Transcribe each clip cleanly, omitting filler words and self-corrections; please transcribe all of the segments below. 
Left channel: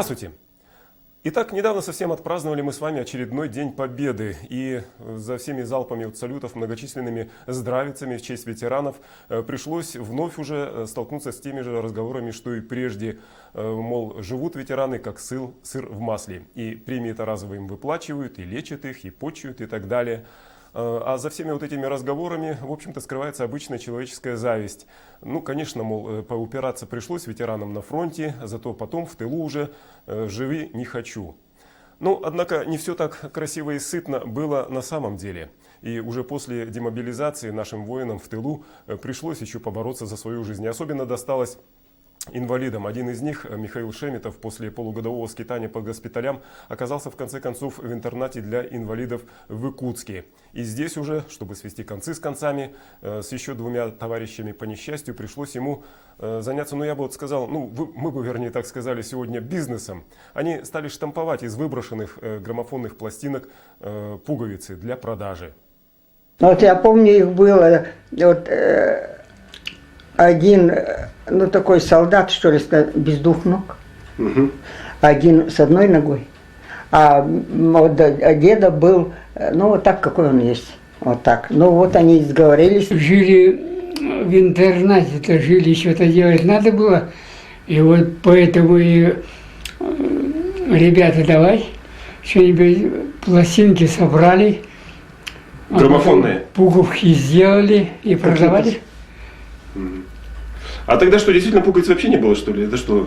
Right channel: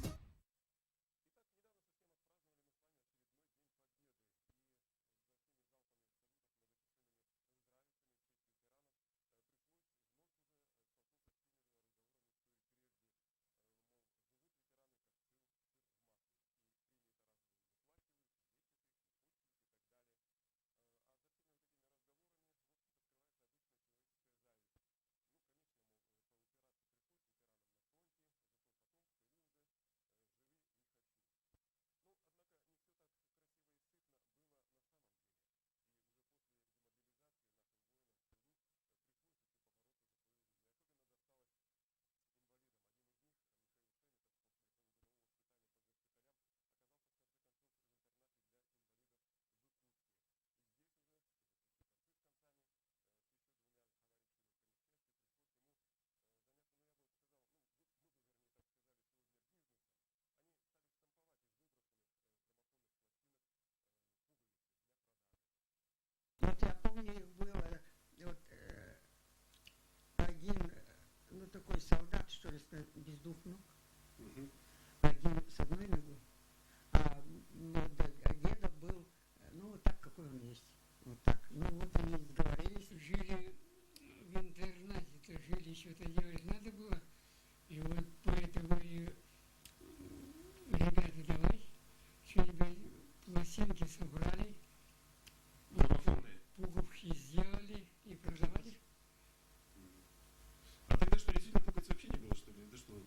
Здравствуйте! Итак, недавно совсем отпраздновали мы с вами очередной День Победы. И за всеми залпами от салютов, многочисленными здравицами в честь ветеранов пришлось вновь уже столкнуться с теми же разговорами, что и прежде. Мол, живут ветераны как сыр в масле. И премии-то разовые им выплачивают, и лечат их, и почуют, и так далее. А за всеми вот этими разговорами, в общем-то, скрывается обычная человеческая зависть. Ну, конечно, мол, поупираться пришлось ветеранам на фронте, зато потом в тылу уже живи не хочу. Ну, однако, не все так красиво и сытно было на самом деле. И уже после демобилизации нашим воинам в тылу пришлось еще побороться за свою жизнь. И особенно досталось инвалидам. Один из них, Михаил Шеметов, после полугодового скитания по госпиталям оказался в конце концов в интернате для инвалидов в Иркутске. И здесь уже, чтобы свести концы с концами, с еще двумя товарищами по несчастью пришлось ему заняться, ну я бы вот сказал, мы бы вернее так сказали сегодня, бизнесом. Они стали штамповать из выброшенных граммофонных пластинок пуговицы для продажи. Вот я помню, их было вот, один, такой солдат, что ли, без двух ног. Угу. Один с одной ногой. А вот деда был, вот так, какой он есть. Вот так. Ну вот они сговорились. Жили в интернате-то, жили, что-то делать надо было. И вот поэтому и ребята, давай, что-нибудь, пластинки собрали. Граммофонные? Пуговки сделали и продавали. А тогда что, действительно пуговиц вообще не было, что ли? Это что?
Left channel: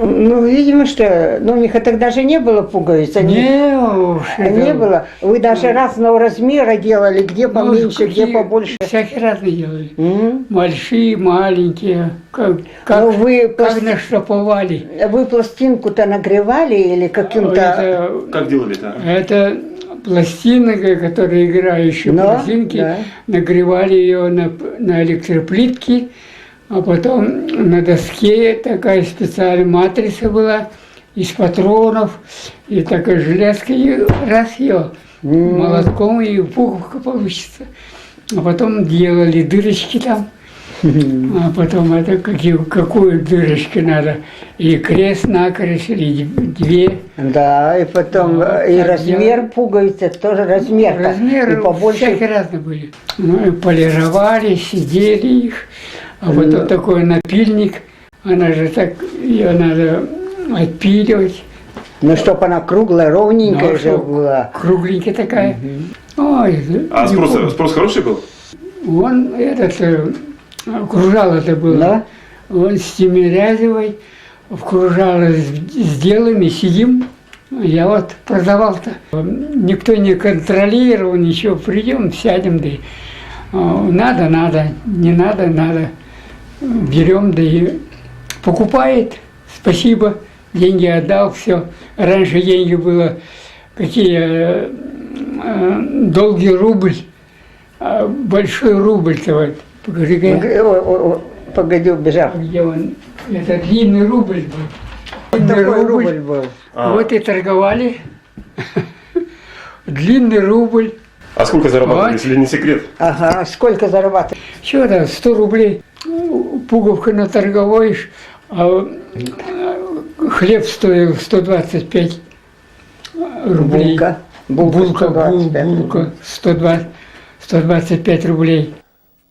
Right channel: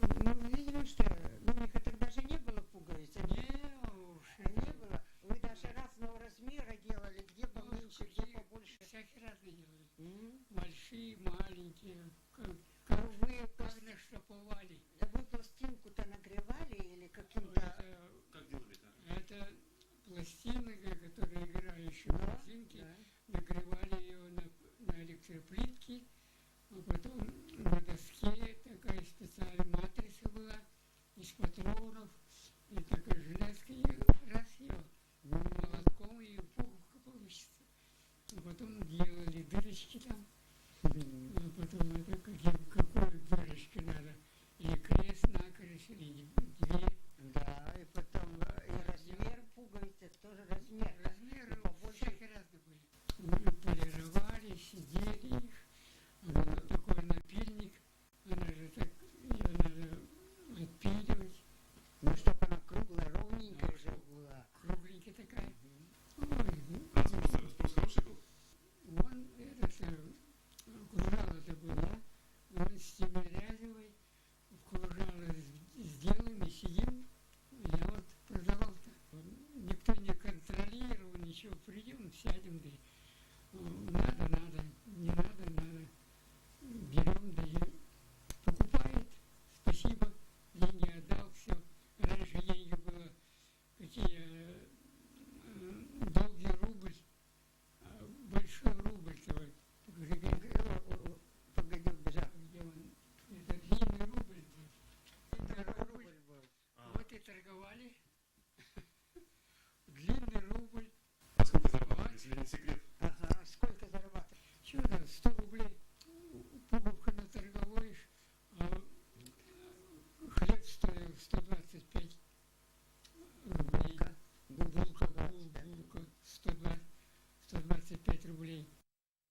Ну, видимо, что... у них тогда же не было пуговиц. Не было. Вы даже разного размера делали, где поменьше, где побольше. Всякие разные делали. Большие, маленькие. Как наштамповали. Вы пластинку-то нагревали или каким-то... Как делали-то? Это пластинка, которая играющая пластинки, да. Нагревали ее на электроплитке. А потом на доске такая специальная матрица была из патронов, и такая железка, и раз ее молотком, и пуговка получится. А потом делали дырочки там, а потом это какую дырочку надо, или крест-накрест, или две. Да, и потом и размер пуговицы, тоже размер. Размеры всякие разные были. Ну и полировали, сидели их. А вот такой напильник, она же так, ее надо отпиливать. Ну, чтобы она круглая, ровненькая же была. Кругленькая такая. Ой, а спрос хороший был? Он кружало это было. Да? Он с Тимирязевой в кружало сделаем и сидим. Я вот продавал-то. Никто не контролировал, ничего, придем, сядем, да и надо, не надо. Берем, да и покупает, спасибо, деньги отдал, все. Раньше деньги было какие, долгий рубль, большой рубль-то вот. Покажи-ка. Погоди, убежал. Где он? Это длинный рубль был. Длинный рубль был. Вот и торговали. Длинный рубль. А сколько зарабатывали, вот. если не секрет? Ага, сколько зарабатывали? Что там, 100 рублей. Пуговка наторговаешь, а хлеб стоил 125 рублей. Булка 125 рублей.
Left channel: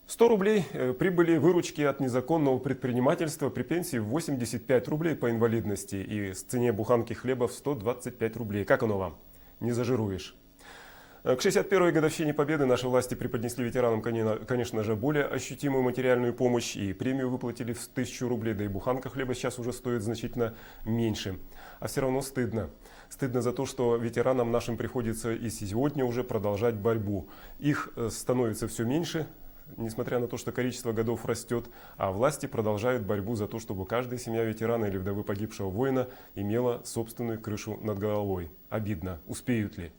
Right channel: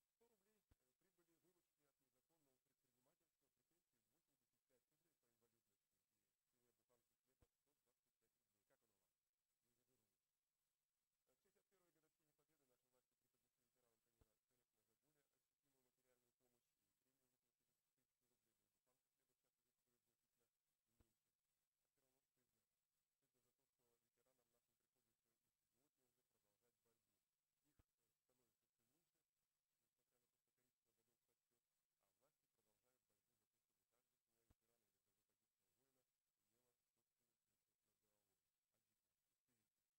100 рублей прибыли выручки от незаконного предпринимательства при пенсии в 85 рублей по инвалидности и с цене буханки хлеба в 125 рублей. Как оно вам? Не зажируешь. К 61-й годовщине Победы наши власти преподнесли ветеранам, конечно же, более ощутимую материальную помощь и премию выплатили в 1000 рублей, да и буханка хлеба сейчас уже стоит значительно меньше. А все равно стыдно. Стыдно за то, что ветеранам нашим приходится и сегодня уже продолжать борьбу. Их становится все меньше, несмотря на то, что количество годов растет, а власти продолжают борьбу за то, чтобы каждая семья ветерана или вдовы погибшего воина имела собственную крышу над головой. Обидно. Успеют ли?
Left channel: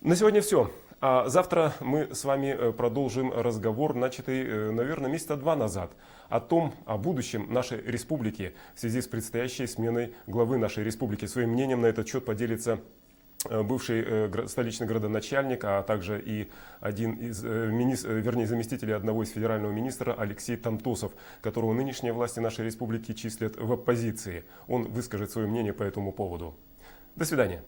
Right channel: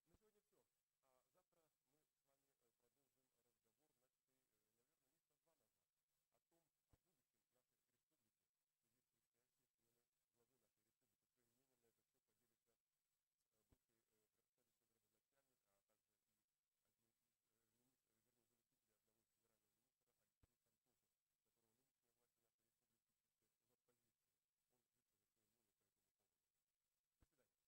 На сегодня все. А завтра мы с вами продолжим разговор, начатый, наверное, месяца 2 назад, о будущем нашей республики в связи с предстоящей сменой главы нашей республики. Своим мнением на этот счет поделится бывший столичный градоначальник, а также и один из заместителей одного из федерального министра Алексей Тантосов, которого нынешние власти нашей республики числят в оппозиции. Он выскажет свое мнение по этому поводу. До свидания.